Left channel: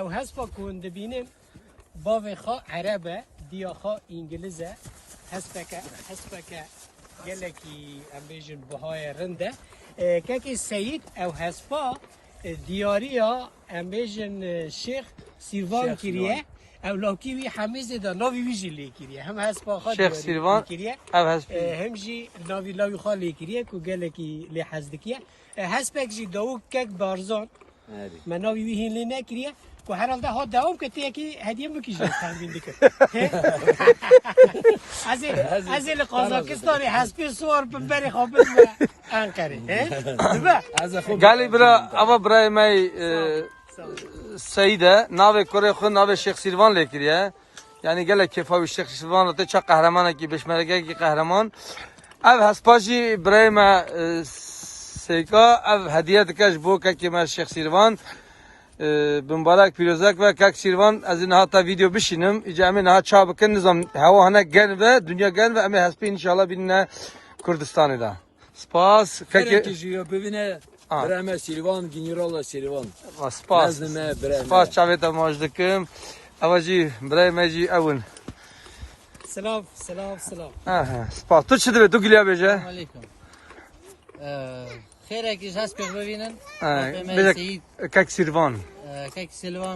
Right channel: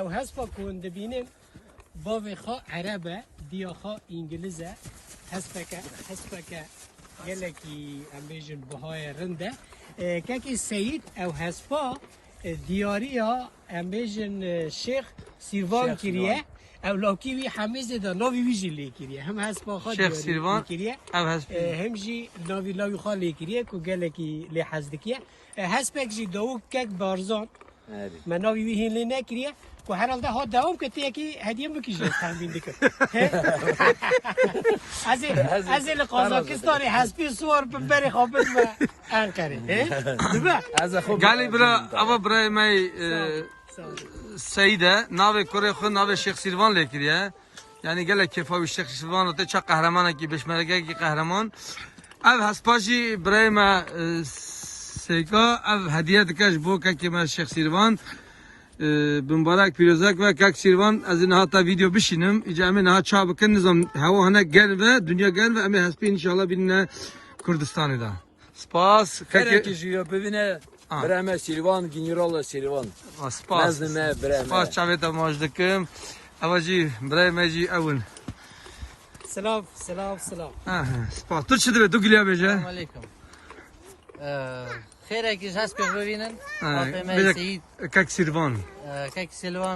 او هسپا کن دبینن باوی خوا عربه دیا خوا انگلیزه هسپکه گلکی امیجن بهای رنده که سید او هسپا دیاریا امیجن شیخ سیروان کریه او لاکی وی حمیزه دا ناوی ویجی لی کریه هم هسپا خوا دیاری کریه هم جی ناوی خوا لی کریه که گلکی لی حزدکیه هسپک جی داو کک بارزان من ناوی وی هین لی نکریه که herhalde ha devam etti ki hediye mi kişi tahmin dikkat. Azil Kazakistan'ı hasti suar beri habis ve Ankara. Değil mi? Gali bira ama bira may Seyde nave Kore khun nave Şeyh Silvan lekiriye. Yani gele kefavi Şeyh Silvan te çok kahraman ki besmerge ki kahraman. Ev haspaji bira ma Seyka ev hediye dikaş bu ki ma Şeyh Silvan بمبارک پیروزک و کاک سیروان از این هاتا ویدیو بشینم اجازه نه چا بکن نظام هوا هنه گل و دنیا گل و امی هستی ان شاء الله بینه کردستان دا سپاس خیلی جیو ببینه برام سیروان گنیرال سیروان سپاس نزدم برام سپاس شبیه ماجدکم اوازی برای مجی اول سلام سپاس تو چه دوی تو کلیا بیجه علیکم خیره که هست که ببینن کاک سیروان که سلوان